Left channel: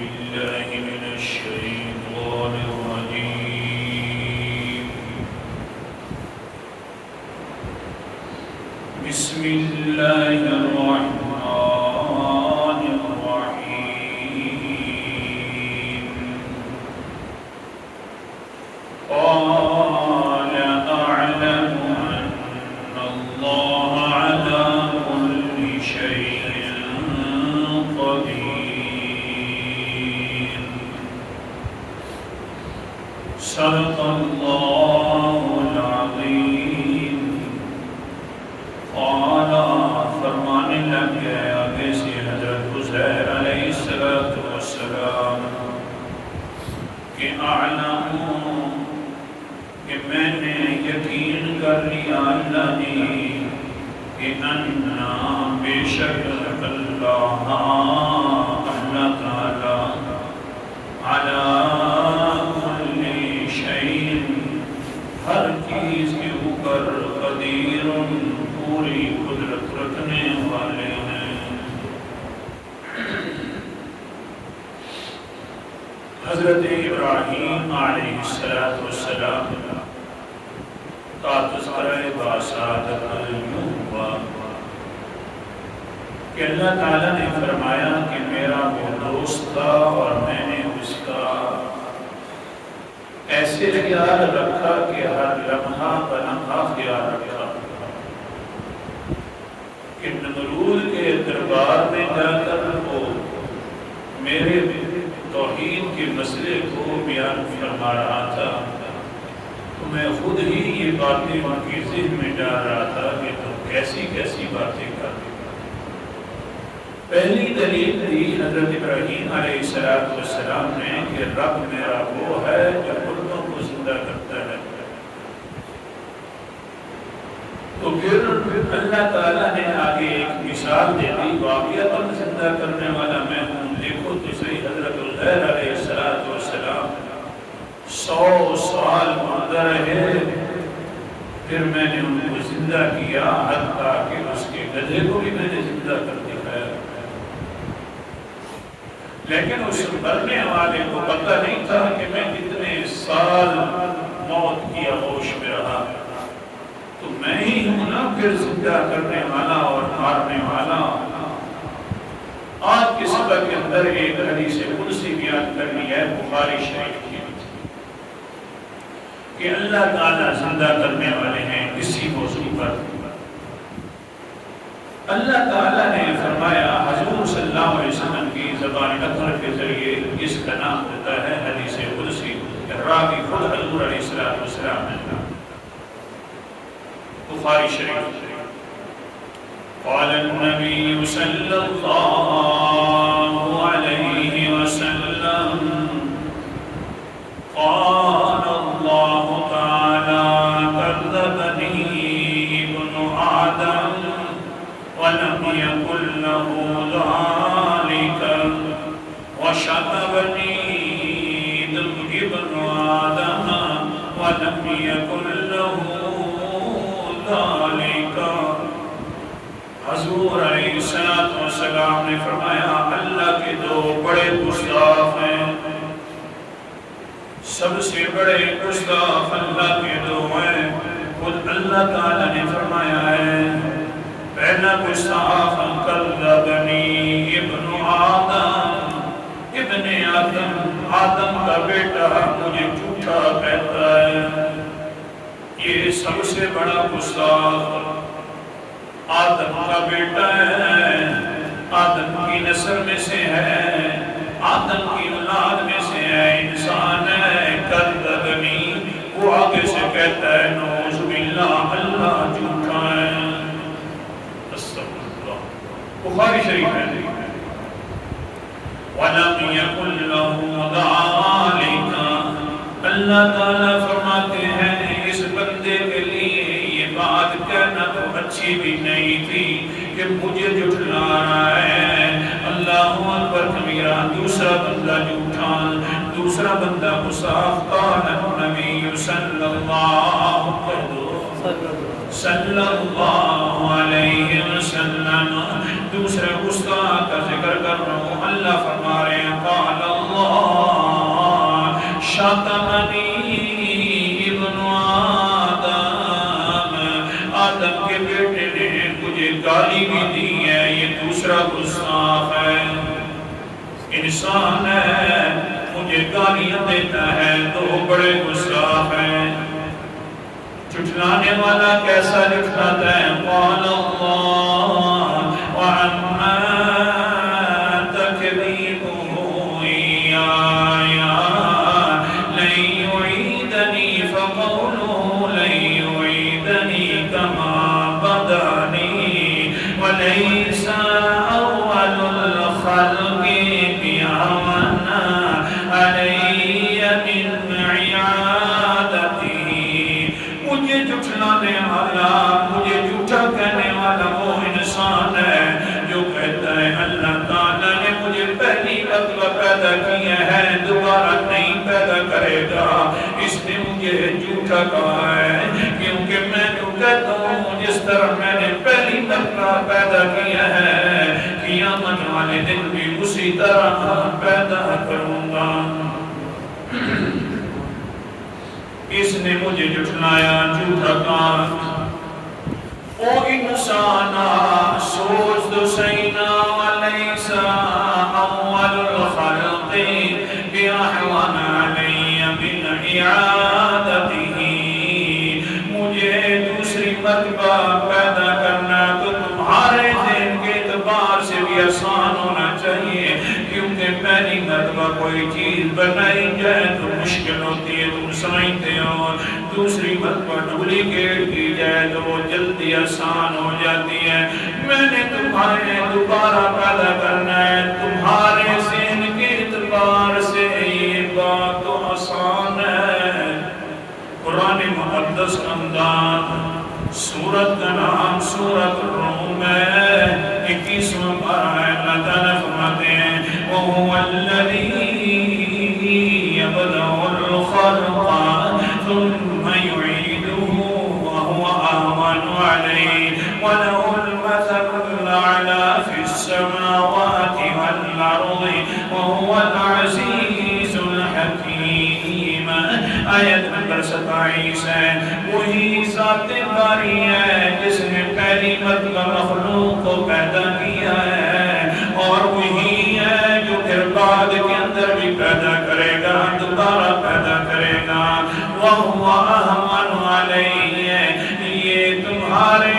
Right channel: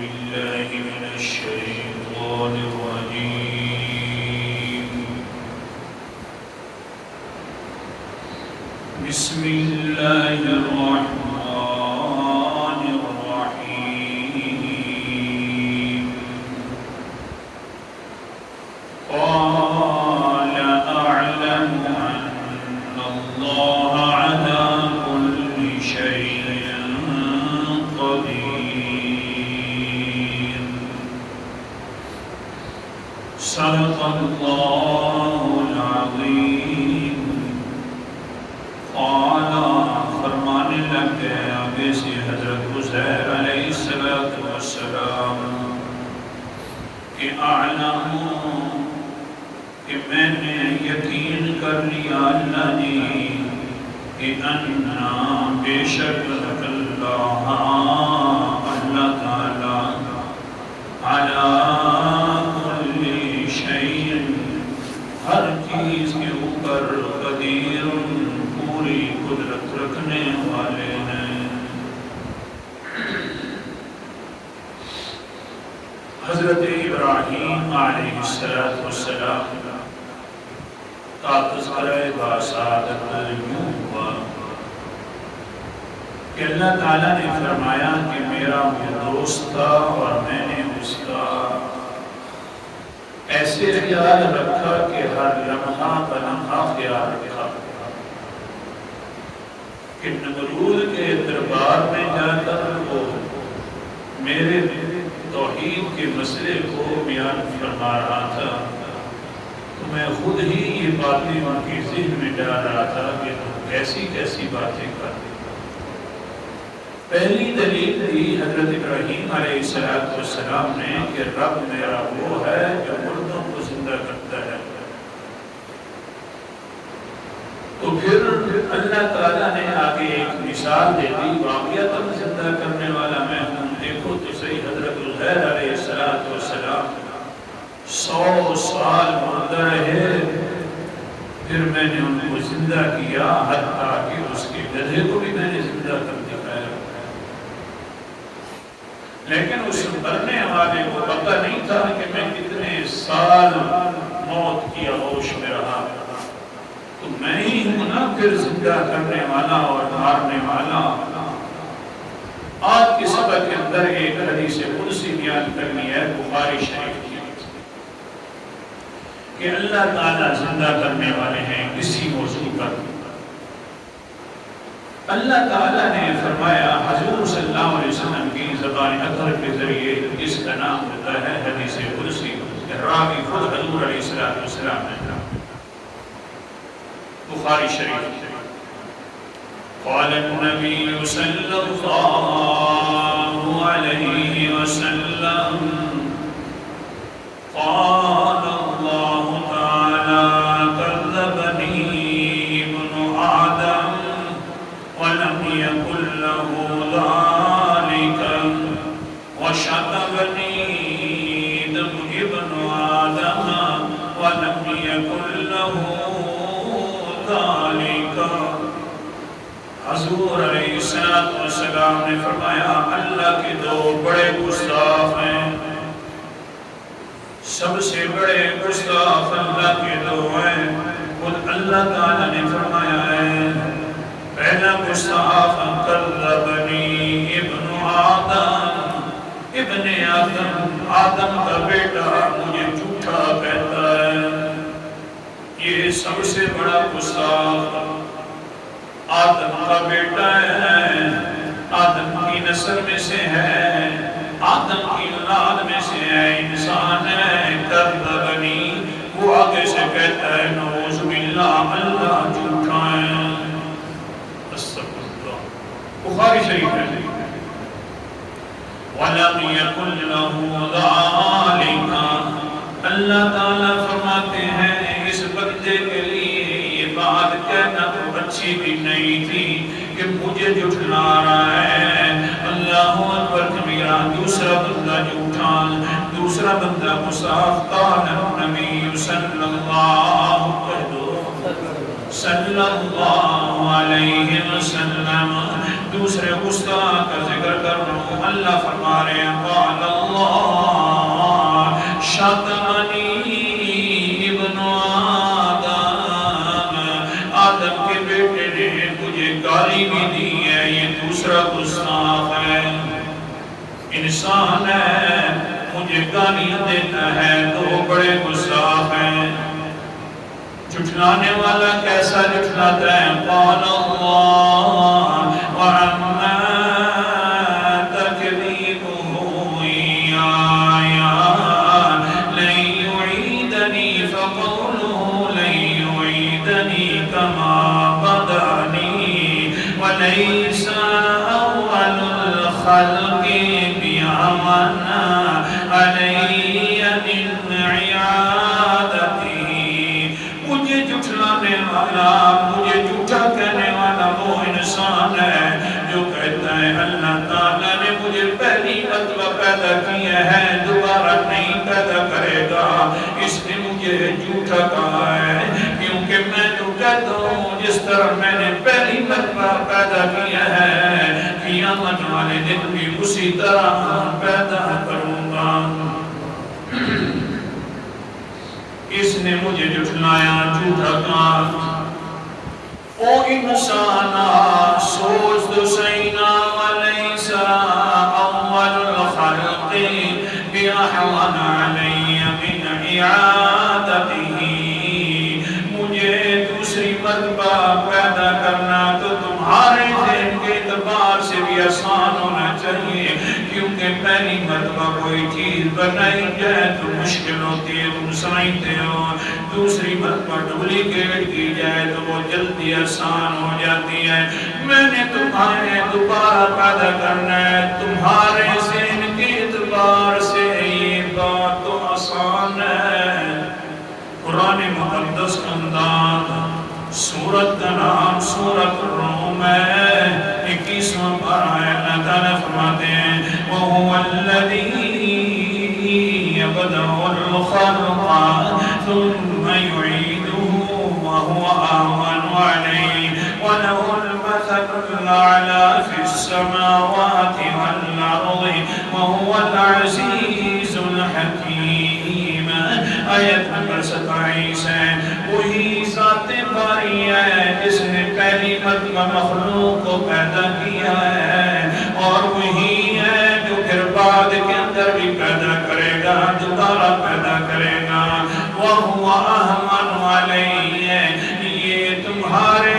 بالله من الشيطان الرجيم بسم الله الرحمن الرحيم قال أعلم أن الله على كل شيء قدير صدق الله العظيم قال فرمانے لگے ابھی سے حضرت عزیر علیہ السلام کہ اعلم کہ میں نے یقین کر لیا اللہ نے کہ انا بے شک اللہ تعالی علی کل شیء ہر چیز کے اوپر قدیر پوری قدرت رکھنے والے ہیں۔ حضرت ابراہیم علیہ السلام کا تذکرہ باسعادت علم ہوا کہ اللہ تعالیٰ نے فرمایا کہ میرا وہ دوست تھا اور میں نے اس کا ایسے خیال رکھا کہ ہر لمحہ بلمحہ خیال رکھا کہ نمرود کے دربار میں جا کر وہ میرے توحید کے مسئلے کو بیان فرما رہا تھا تو میں خود ہی یہ باتیں ان کے ذہن میں ڈال رہا تھا کہ تم کیسی کیسی باتیں کرتے۔ پہلی دلیل دی حضرت ابراہیم علیہ السلام نے کہ رب میرا وہ ہے جو مردوں کو زندہ کرتا ہے۔ تو پھر اللہ تعالیٰ نے آگے ایک مثال دے دی، واقعتاً زندہ کرنے والا میں ہوں۔ دیکھو تو صحیح، حضرت عزیر علیہ السلام 100 سال مردہ رہے، پھر میں نے ان کو زندہ کیا، حتیٰ کہ اس کے گدھے کو بھی میں نے زندہ کر دکھایا۔ لیکن اس مرنے والے کو پتہ نہیں تھا کہ میں کتنے سال موت کی آغوش میں رہا، تو میں ہی ہوں نا پھر زندہ کرنے والا اور مارنے والا۔ آج کے سبق کے اندر ایک حدیث قدسی بیان کرنی ہے بخاری شریف کی کہ اللہ تعالیٰ زندہ کرنے والے ہیں کسی موضوع پر۔ اللہ تعالیٰ نے فرمایا حضور صلی اللہ علیہ وسلم کی زبان اطہر کے ذریعے، جس کا نام ہوتا ہے حدیث قدسی، راوی خود حضور علیہ السلام ہے، بخاری شریف۔ قال النبی صلی اللہ علیہ وسلم قال اللہ تعالی کذبنی ابن آدم ولم يكن له ذلك وشتمني ابن آدم ولم يكن له ذلك۔ حضور علیہ السلام نے فرمایا اللہ کے دو بڑے گستاخ ہیں، سب سے بڑے گستاخ اللہ کے دو ہیں۔ خود اللہ تعالیٰ نے فرمایا ہے پہلا گستاخ کذبنی ابن آدم، ابن آدم کا بیٹا مجھے جھوٹا کہتا ہے۔ یہ سب سے بڑا گستاخ آدم کا بیٹا ہے، آدم کی نسل میں سے ہے، آدم کی اولاد میں سے ہے، انسان ہے۔ کذبنی، وہ آگے سے کہتا ہے نعوذ باللہ اللہ جھوٹا ہے۔ بخاری شریف ہے۔ وَلَمْ يَكُنْ لَهُ ذَلِكَ، اللہ تعالیٰ فرماتے ہیں اس بندے کے لیے یہ بات کہنا تو اچھی بھی نہیں تھی کہ مجھے جھٹلا رہا ہے۔ اللہ اکبر کبیرہ۔ دوسرا بندہ جھوٹا، دوسرا بندہ مصاف۔ قال النبی صلی اللہ علیہ وسلم، دوسرے گستاخ کا ذکر کر رہا ہوں۔ اللہ فرما رہے ہیں قال شَتَمَنِي ابن آدم، آدم کے بیٹے نے مجھے گالی بھی دی ہے، یہ دوسرا گستاخ ہے، انسان ہے مجھے گالیاں دیتا ہے، دو بڑے گستاخ ہیں۔ جھٹلانے والا کیسا جھٹلاتا ہے؟ قال اللہ وعما تکذیبہ ایایا لن یعیدنی فقولہ لن یعیدنی کما بدانی ولیس اول الخلق بیعون علی من عیادتی۔ مجھے جھٹلانے والا، مجھے جھوٹا کہنے والا وہ انسان ہے جو کہتا ہے اللہ تعالیٰ نے مجھے پہلی مرتبہ پیدا کیا ہے، دوبارہ نہیں پیدا کرے گا، اس نے مجھے جھوٹا کہا ہے، کیونکہ میں جو کہتا ہوں جس طرح میں نے پہلی مرتبہ پیدا کیا ہے، قیامت والے دن بھی اسی طرح پیدا کروں گا۔ اس نے مجھے جھٹلایا، جھوٹا کہا۔ او انسانا سوچ تو سینا ولیس اول الخلق بیاحوان علی من اعادته۔ مجھے دوسری مرتبہ پیدا کرنا تو تمہارے ذہن کے اعتبار سے بھی آسان ہونا چاہیے، کیونکہ پہلی مرتبہ کوئی چیز بنائی جائے تو مشکل ہوتی ہے، تم سمجھتے ہو، دوسری مرتبہ ڈپلیکیٹ کی جائے تو وہ جلدی آسان ہو جاتی ہے۔ میں نے تمہارے دوبارہ پیدا کرنا ہے، تمہارے ذہن کے اعتبار سے یہ بات تو آسان ہے۔ قرآن مقدس کا انداز، سورت کا نام سورت الروم ہے، 21واں پارہ ہے۔ اللہ تعالیٰ فرماتے ہیں وَهُوَ الَّذِي يَبْدَأُ الْخَلْقَ ثُمَّ يُعِيدُهُ وَهُوَ أَهْوَنُ عَلَيْهِ وَلَهُ الْمَثَلُ الْأَعْلَى فِي السَّمَاوَاتِ وَالْأَرْضِ وَهُوَ الْعَزِيزُ الْحَكِيمُ۔ آیت نمبر 27 ہے۔ وہی ذات باری ہے جس نے پہلی مرتبہ مخلوق کو پیدا کیا ہے، اور وہی ہے جو پھر بعد کے اندر بھی پیدا کرے گا، دوبارہ پیدا کرے گا۔ وَهُوَ أَهْوَنُ عَلَيْهِ، یہ تمہارے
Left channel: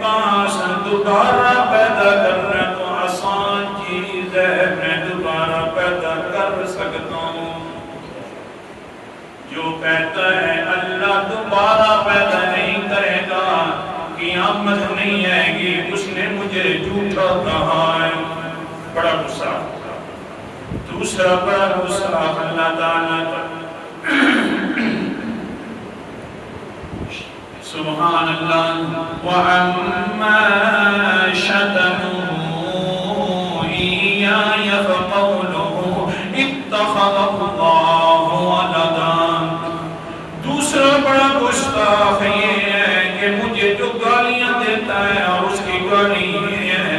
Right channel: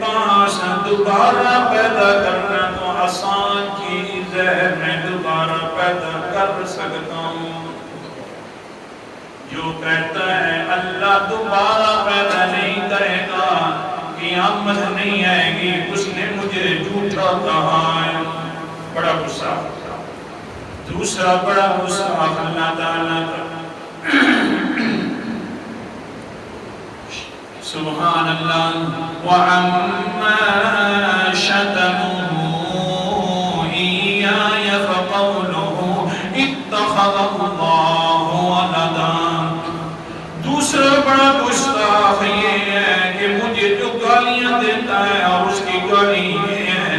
پاس دوبارہ پیدا کرنا تو آسان چیز ہے، میں دوبارہ پیدا کر سکتا ہوں۔ جو کہتا ہے اللہ دوبارہ پیدا نہیں کرے گا، قیامت نہیں آئے گی، اس نے مجھے جھوٹا کہا ہے۔ بڑا غصہ۔ دوسرا بڑا غصہ اللہ تعالیٰ کا۔ سبحان اللہ۔ وَعَمَّا شَتَمُوا إِيَّايَ فَقَوْلُهُ اتَّخَذَ اللَّهُ وَلَدًا۔ دوسرا بڑا گستاخ یہ ہے کہ مجھے جو گالیاں دیتا ہے اور اس کی گالی یہ ہے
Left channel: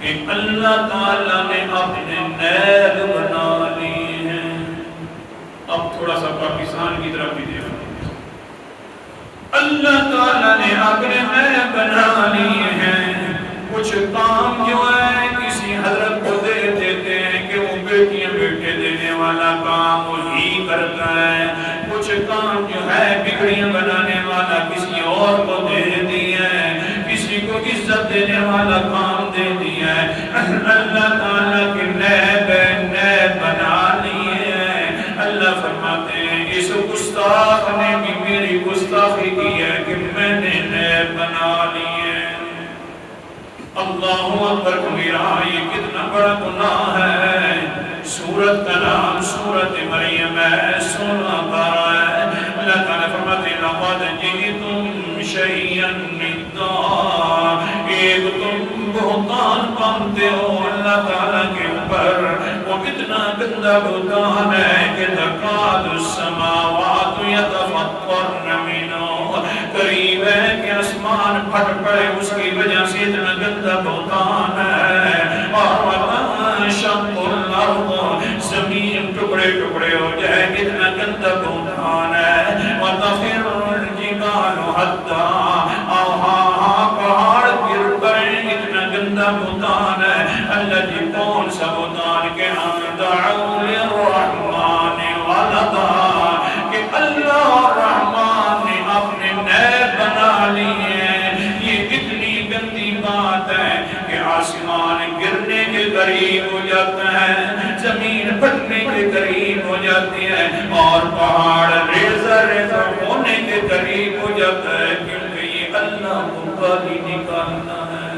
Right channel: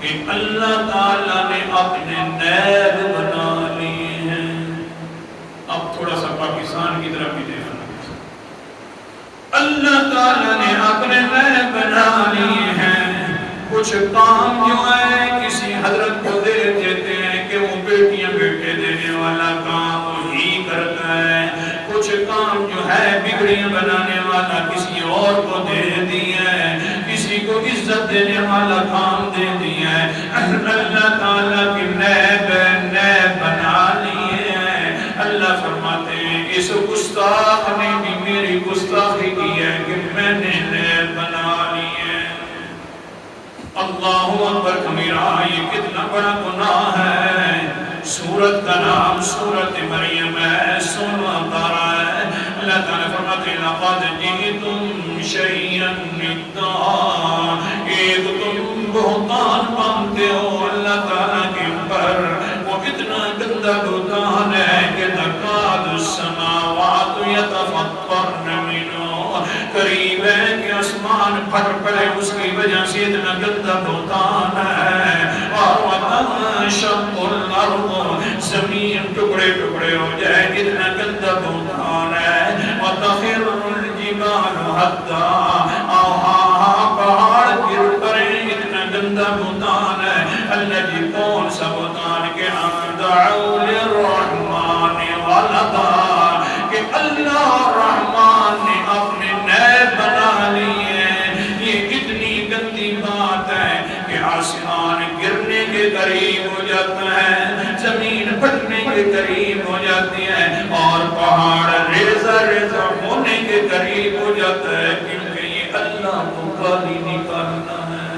کہ اللہ تعالیٰ نے اپنے نیب بنا لیے ہیں۔ اب تھوڑا سا پاکستان کی طرف بھی دیکھنا، اللہ تعالیٰ نے اپنے نیب بنا لیے ہیں۔ کچھ کام جو ہے کسی حضرت کو دے دیتے ہیں کہ وہ بیٹیاں بیٹے دینے والا کام وہی کرتا ہے، کچھ کام جو ہے بگڑیاں بنانے والا کسی اور کو دے دیا ہے، کسی کو عزت دینے والا کام دے دیا ہے۔ اللہ تعالیٰ کے نیب بنا لیے ہیں۔ اللہ فرماتے ہیں اس گستاخ نے بھی میری گستاخی کی ہے کہ میں نے نیب بنا لیے۔ اللہ اکبر کبیرہ، یہ کتنا بڑا گناہ ہے۔ سورت کا نام سورت مریم ہے، 16واں پارہ ہے۔ اللہ تعالیٰ فرماتے ہیں لَقَدْ جِئْتُمْ شَيْئًا إِدًّا، ایک تم بہتان باندھتے ہو اللہ تعالیٰ کے اوپر۔ وہ کتنا گندا بہتان ہے کہ تَكَادُ السَّمَاوَاتُ يَتَفَطَّرْنَ مِنْهُ، قریب ہے کہ آسمان پھٹ پڑے، اس کی وجہ سے اتنا گندا بہتان ہے۔ وَشَقُّ الْأَرْضُ، زمین ٹکڑے ٹکڑے ہو جائے، اتنا اللہ جی کون سا بتان کے دعو للرحمن ولدا کہ اللہ الرحمن نے اپنے نیب بنا لیے. یہ کتنی گندی بات ہے کہ آسمان گرنے کے قریب ہو جاتا ہے, زمین پھٹنے کے قریب ہو جاتی ہے, اور پہاڑ ریزہ ریزہ ہونے کے قریب ہو جاتا ہے, کیونکہ یہ اللہ کو گالی نکالنا ہے.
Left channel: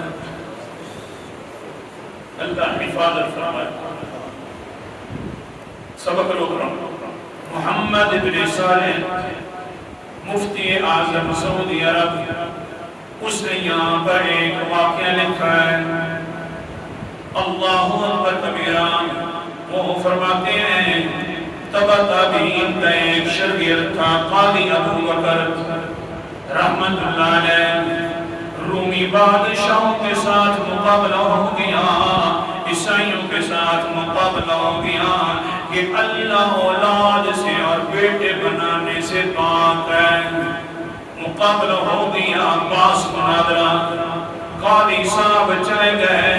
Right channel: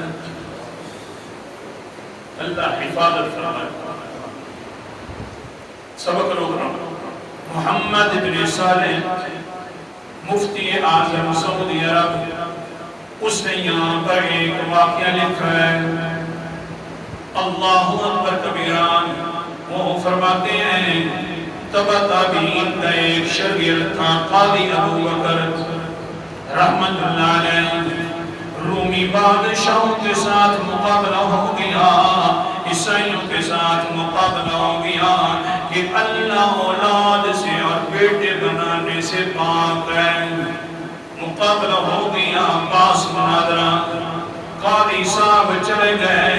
اللہ حفاظت فرمائے. سبق روک رہا ہوں. محمد بن صالح مفتی اعظم سعودی عرب, اس نے یہاں پر ایک واقعہ لکھا ہے. اللہ اکبر کبیرہ. وہ فرماتے ہیں تبع تابعین کا ایک شاگرد تھا قاضی ابو بکر رحمت اللہ علیہ. رومی بادشاہوں کے ساتھ مقابلہ ہو گیا, عیسائیوں کے ساتھ مقابلہ ہو گیا کہ اللہ اولاد سے اور بیٹے بنانے سے پاک ہے. مقابلہ ہو گیا, باس مناظرہ. قاضی صاحب چلے گئے,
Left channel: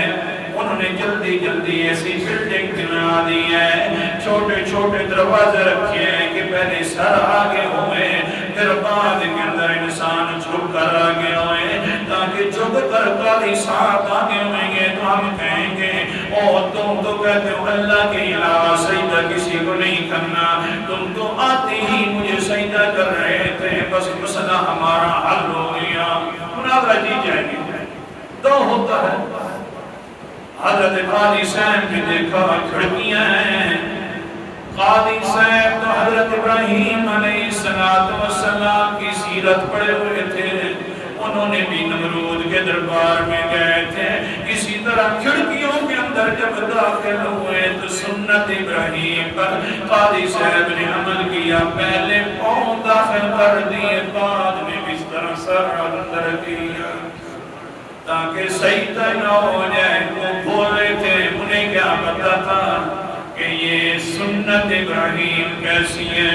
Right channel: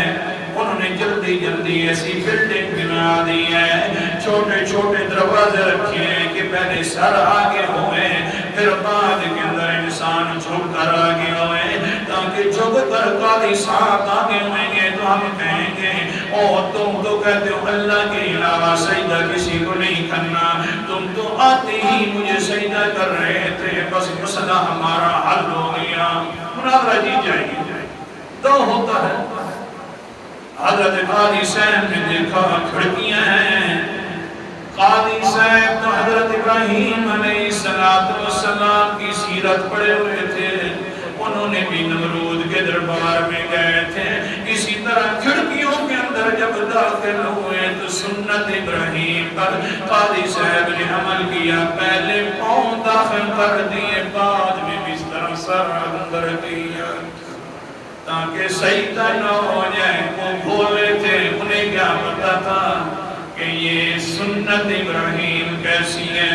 انہوں نے جلدی جلدی ایسی بلڈنگ بنا دی ہے, چھوٹے چھوٹے دروازے رکھے ہیں کہ پہلے سر آگے ہوئے, پھر بعد کے اندر انسان جھک کر آگے ہوئے, تاکہ جھک کر قاضی صاحب آگے ہوئیں گے تو ہم کہیں گے اور تم تو کہتے ہو اللہ کے علاوہ سجدہ کسی کو نہیں کرنا, تم تو آتے ہی مجھے سجدہ کر رہے تھے, بس مسئلہ ہمارا حل ہو گیا. مناظرہ جی جائے گی. تو ہوتا ہے حضرت قاضی صاحب نے دیکھا کھڑکیاں ہیں. قاضی صاحب تو حضرت ابراہیم علیہ السلام کی سیرت پڑھے ہوئے تھے, انہوں نے بھی نمرود کے دربار میں گئے تھے. اسی طرح کھڑکیوں کے اندر جب داخل ہوئے تو سنت ابراہیم پر قاضی صاحب نے عمل کیا, پہلے پاؤں داخل کر دیے, بعد میں بستر سر اندر کیا تاکہ سجدہ نہ ہو جائے. وہ بولے تھے, انہیں کیا پتا تھا کہ یہ سنت ابراہیم کیسی ہے.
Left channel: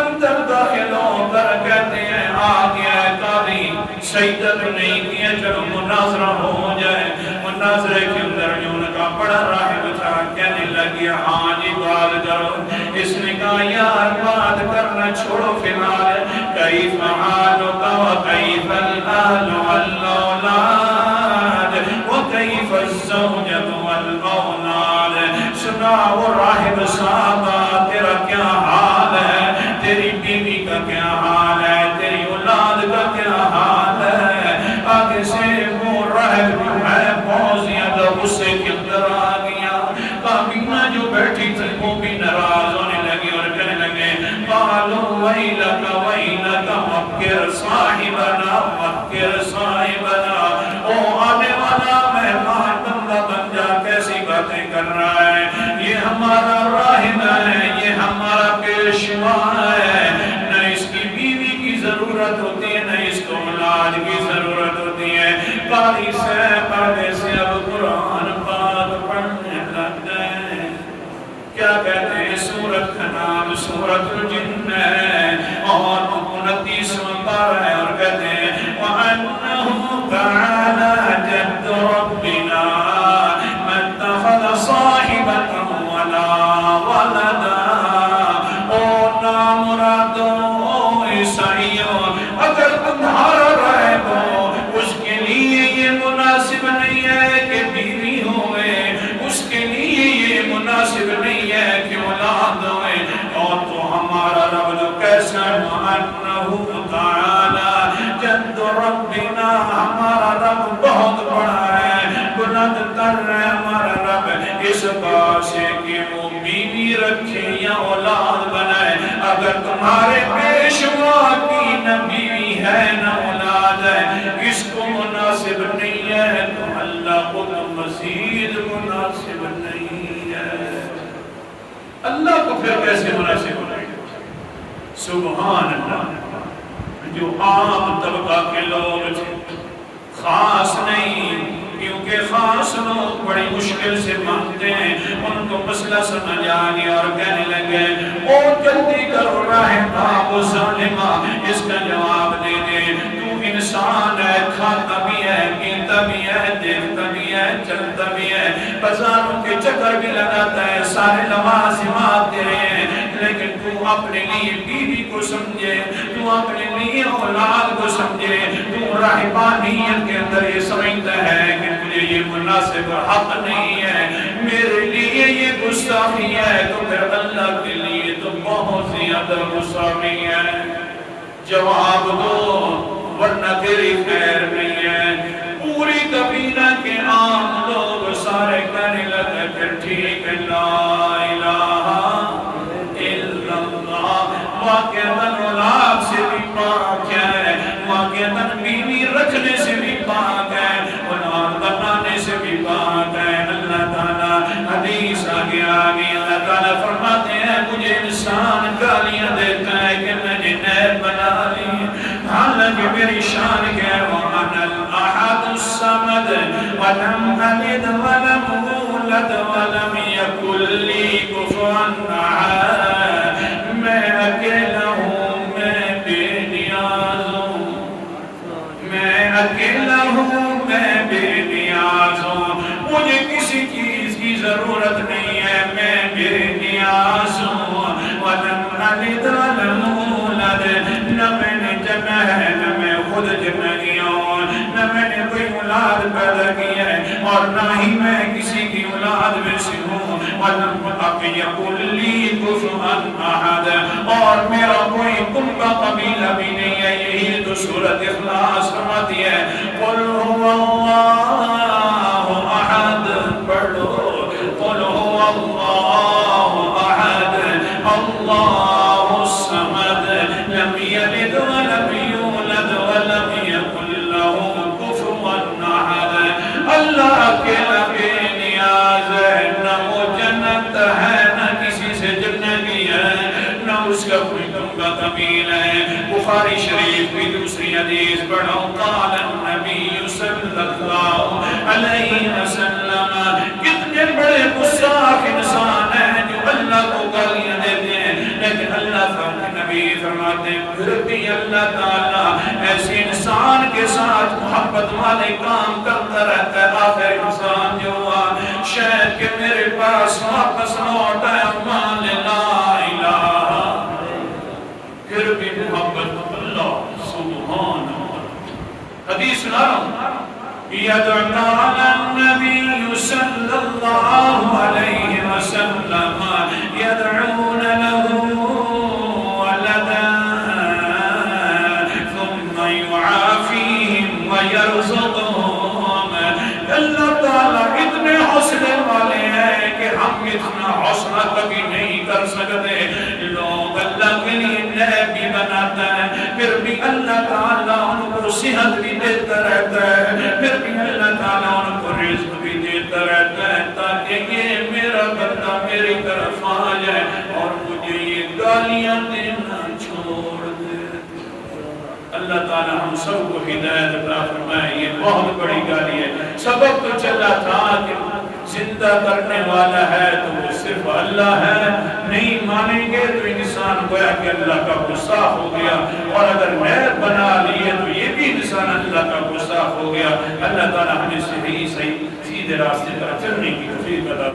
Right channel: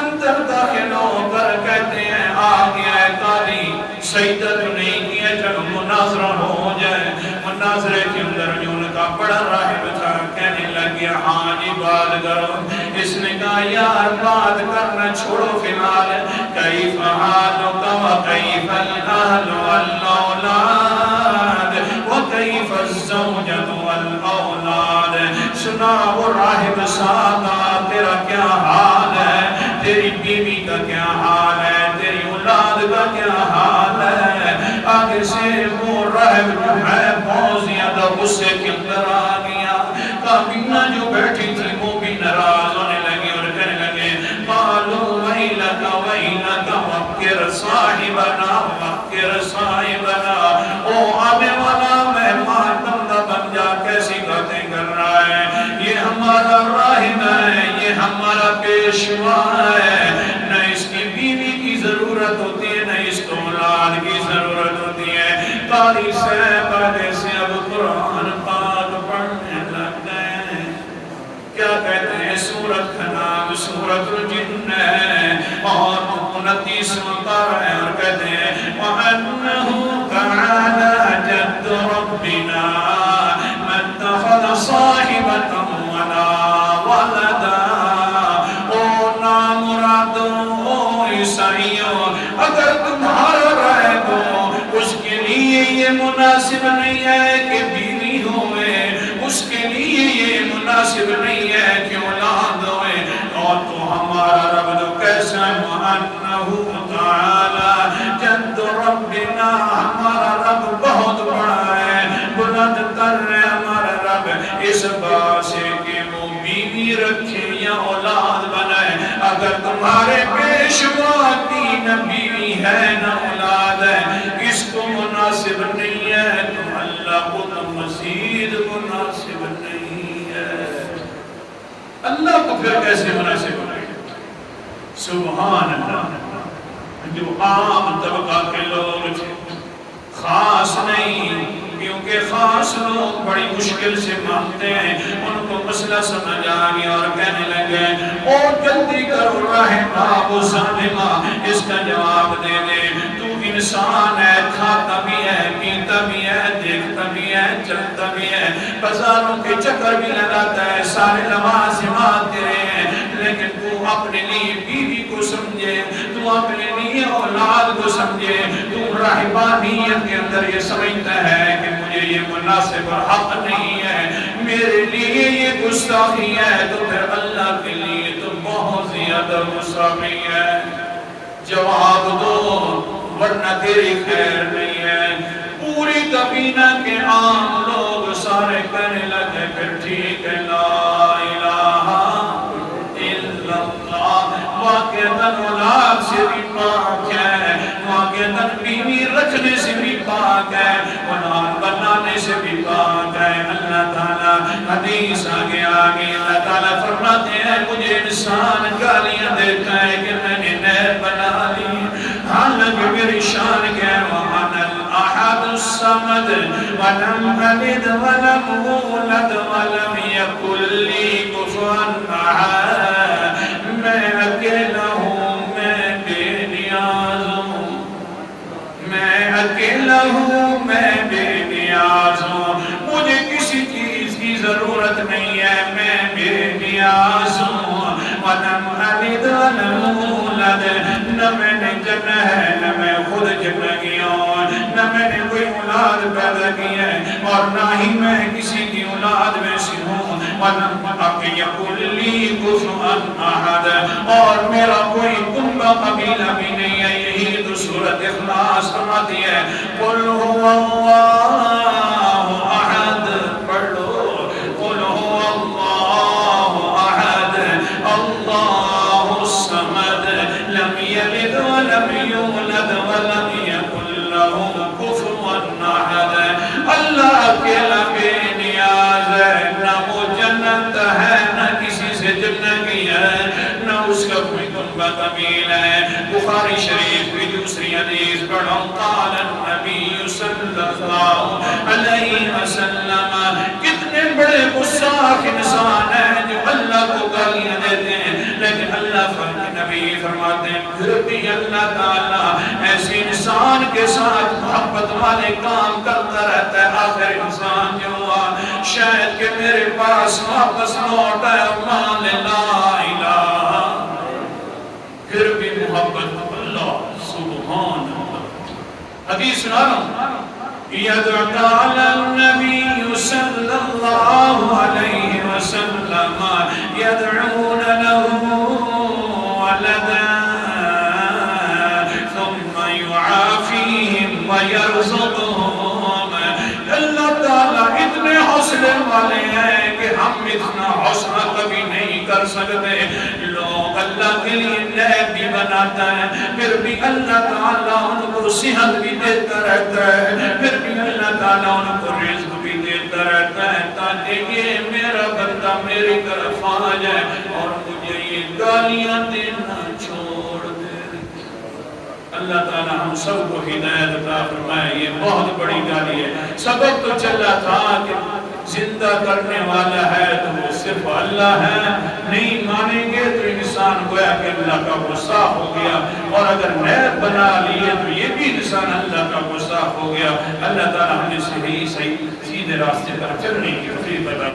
اندر داخل ہو کر کہتے ہیں آ گیا ہے قاضی, سجدہ تو نہیں کیا, چلو مناظرہ ہو جائے. مناظرے کے اندر جو ان کا بڑا راہب تھا کہنے لگیا ہاں جی بات کرو. اس نے کہا یار بات کرنا چھوڑو فی الحال, کیف حالک وکیف الاہل والاولاد وکیف الزوجۃ والاولاد. سناؤ راہب صاحب تیرا کیا حال ہے, تیری بیوی کا کیا حال ہے, تیری اولاد کا کیا حال ہے. آگے سے وہ راہب جو ہے بہت زیادہ غصے کے اندر آ گیا. کابینہ جو بیٹھی تھی وہ بھی ناراض ہونے لگی اور کہنے لگے قالوا ویلک ویلک وقر صاحبنا وقر صاحبنا. او آنے والا مہمان بندہ بن جا, کیسی باتیں کر رہا ہے, یہ ہمارا راہب ہے, یہ ہمارا پیشوا ہے, نہ اس کی بیوی کی ضرورت ہوتی ہے, نہ اس کو اولاد کی ضرورت ہوتی ہے. قاضی صاحب آگے سے اب قرآن پاک پڑھنے لگ گئے. کیا کہتے ہیں, سورت کا نام سورت الجن ہے اور 29واں پارہ ہے, اور کہتے ہیں وَأَنَّهُ تَعَالَى جَدُّ رَبِّنَا مَا اتَّخَذَ صَاحِبَةً وَلَا وَلَدًا. او نامرادو, او عیسائیوں, اگر تمہارا راہب ہو اس کے لیے یہ مناسب نہیں ہے کہ بیوی ہوئے, اس کے لیے یہ مناسب نہیں ہے کہ اولاد ہوئے, اور تو ہمارا رب تو کیسا ہے. وَأَنَّهُ تَعَالَى جَدُّ رَبِّنَا, ہمارا رب بہت بڑا ہے, بلند تر ہے ہمارا رب اس بات سے کہ وہ بیوی رکھے یا اولاد بنائے. اگر تمہارے پیشوا کی نہ بیوی ہے نہ اولاد ہے, اس کو مناسب نہیں ہے, تو اللہ کو تو مزید مناسب نہیں ہے. اللہ کو پھر کیسے مناسب ہو گئے؟ سبحان اللہ. جو عام طبقہ کے لوگ تھے, خاص نہیں, کیونکہ خاص لوگ بڑی مشکل سے مانتے ہیں. ان کو مسئلہ سمجھ آ گیا اور کہنے لگے او جلدی کرو راہبہ وہ ظالمہ, اس کا جواب دے دے. تو انسان ہے, کھاتا بھی ہے, پیتا بھی ہے, دیکھتا بھی ہے, چلتا بھی ہے, بازاروں کے چکر بھی لگاتا ہے، سارے لوازمات تیرے ہیں، لیکن تو اپنے لیے بیوی کو سمجھے، تو اپنے لیے اولاد کو سمجھے، تو رہبانیت کے اندر یہ سمجھتا ہے کہ مجھے یہ مناسب حق نہیں ہے، میرے لیے یہ گستاخی ہے، تو پھر اللہ کے لیے تو بہت زیادہ گستاخی ہے۔ جواب دو ورنہ تیری خیر نہیں ہے۔ پوری قبیلہ کے عام لوگ سارے کہنے لگے پھر ٹھیک ہے، لا الہ الا اللہ، واقعتاً اولاد سے بھی پاک ہے، واقعتاً بیوی رکھنے سے بھی پاک ہے، اولاد بنانے سے بھی پاک ہے۔ اللہ تعالیٰ حدیث آگے اللہ تعالیٰ فرماتے ہیں مجھے انسان گالیاں دیتا ہے کہ میں نے نیب بنا لی، حالانکہ میری شان کیا ہے، وَأَنَا الْأَحَدُ الصَّمَدُ وَلَمْ أَلِدْ وَلَمْ أُولَدْ وَلَمْ يَكُنْ لِي كُفُوًا أَحَدٌ، میں اکیلا ہوں، میں بے نیاز ہوں، میں اکیلا ہوں، میں بے نیاز ہوں، مجھے کسی چیز کی ضرورت نہیں ہے، میں بے نیاز ہوں، وَلَمْ أَلِدْ وَلَمْ أُولَدْ، نہ میں نے جنا ہے، نہ میں خود جنا گیا ہوں، نہ میں نے کوئی اولاد پیدا کی ہے، اور نہ ہی میں کسی کی اولاد میں سے ہوں، وَلَمْ يَكُنْ لِي كُفُوًا أَحَدٌ، اور میرا کوئی کنبہ قبیلہ بھی نہیں ہے۔ یہی تو سورۃ اخلاص فرماتی ہے، قُلْ هُوَ اللَّهُ أَحَدٌ، پڑھ لو، قُلْ هُوَ اللَّهُ أَحَدٌ اللَّهُ الصَّمَدُ لَمْ يَلِدْ وَلَمْ يُولَدْ وَلَمْ يَكُنْ لَهُ كُفُوًا أَحَدٌ۔ اللہ اکیلا بے نیاز ہے، نہ وہ جنت ہے، نہ کسی سے جنہ کی ہے، نہ اس کا کوئی کنبہ قبیل ہے۔ بخاری شریف کی دوسری حدیث پڑھو، قال النبی صلی اللہ علیہ وسلم، کتنے بڑے گستاخ انسان ہیں جو اللہ کو گالیاں دیتے ہیں، لیکن اللہ کا نبی فرماتے ہیں پھر بھی اللہ تعالیٰ ایسے انسان کے ساتھ محبت والے کام کرتا رہتا ہے۔ آخر انسان جو ہوا شاید کہ میرے پاس واپس لوٹ آیا، مان لا الہ، پھر بھی محبت اللہ سبحان اللہ۔ حدیث سنا رہا ہوں، یدعو علی النبی صلی اللہ علیہ وسلم یدعون له ولدا ثم يعافيهم ويرزقهم۔ اللہ تعالیٰ اتنے حوصلے والے ہیں کہ ہم اتنا حوصلہ کبھی نہیں کر سکتے۔ لوگ اللہ کے لیے نیب بھی بناتا ہے، پھر بھی اللہ تعالیٰ ان کو صحت بھی دیتا رہتا ہے، پھر بھی اللہ تعالیٰ ان کو رزق بھی دیتا رہتا ہے، تاکہ یہ میرا بندہ میری طرف آ جائے اور مجھے یہ گالیاں دینا چھوڑ دے۔ اللہ تعالیٰ ہم سب کو ہدایت عطا فرمائے۔ یہ بہت بڑی گالی ہے۔ سبب تو چلا تھا کہ زندہ کرنے والا ہے تو وہ صرف اللہ ہے، نہیں مانیں گے تو انسان گویا کہ اللہ کا غصہ ہو گیا، اور اگر نیب بنا لیے تو یہ بھی انسان اللہ کا غصہ ہو گیا۔ اللہ تعالیٰ ہمیں صحیح سیدھے راستے پر چلنے کی توفیق عطا